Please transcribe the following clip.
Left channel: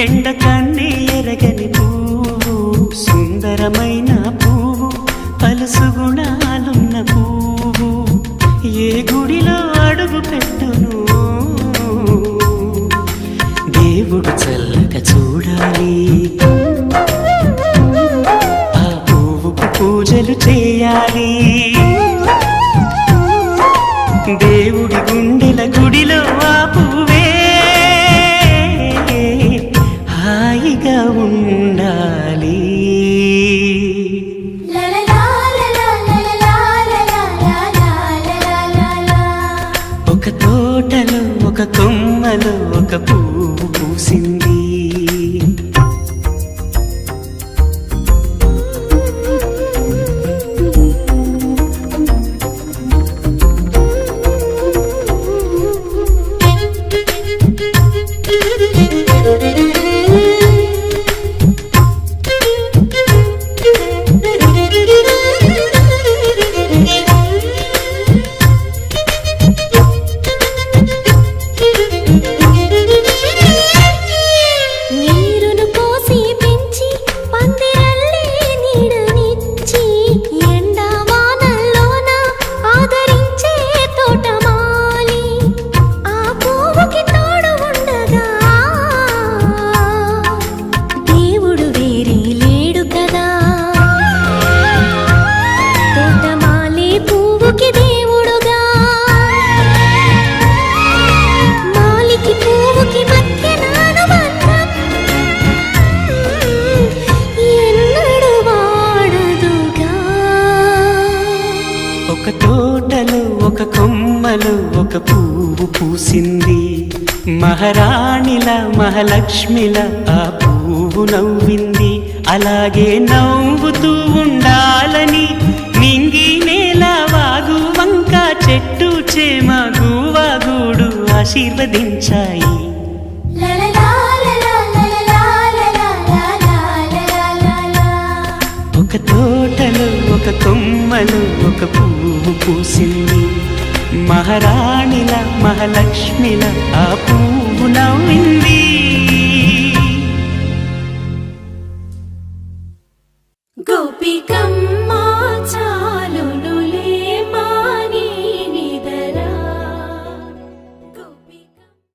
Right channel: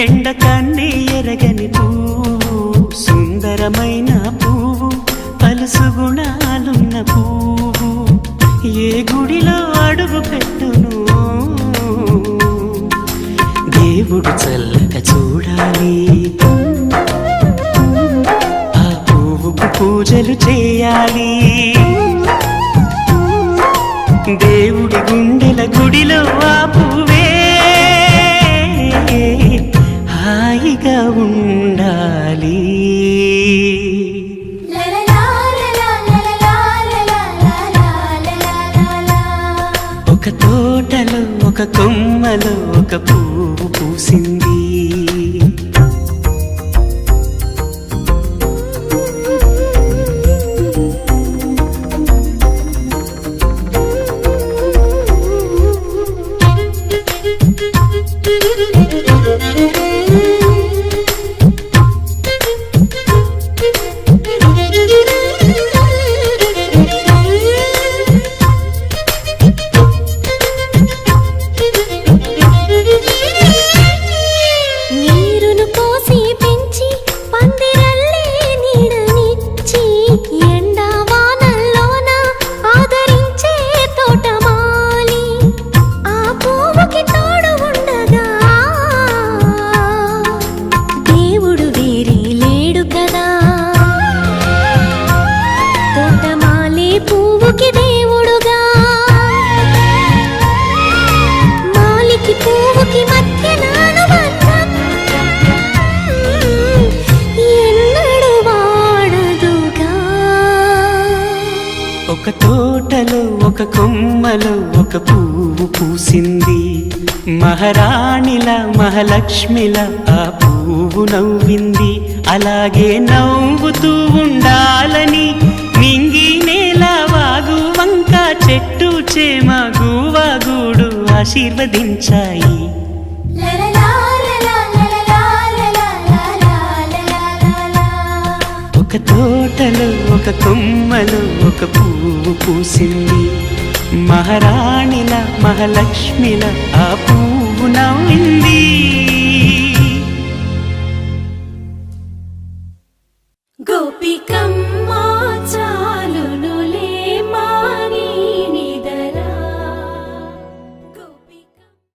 ఎండ కన్నే ఎరగని పువ్వు సుందరమైన పువ్వు పలుసు గుణాలున్న పువ్వు ఏ గుడిలో అడుగు పెట్టును దేవుడు చల్లక చూడాలి ఆ పువ్వుకు పూజలు చేయాలి దేవుడి గుండెల గుడిలో ఆ పువ్వు ఉండాలి ఒక తోటలో ఒక కొమ్మలో ఒక పువ్వు పూసింది పువ్వుకి ఎన్నడు వాడదుగా ఒక తోటలు ఒక కొమ్మలు ఒక పువ్వు పూసింది మహారాణిల మహాలక్ష్మిల ఆ పువ్వు నవ్వింది అలాగే నవ్వుతూ ఉండాలి ఆశీర్వదించాయి ఒక తోటలో ఒక కొమ్మలో ఒక పువ్వు పూసింది మహారాణిల మహాలక్ష్మిల ఆ పువ్వు నవ్వింది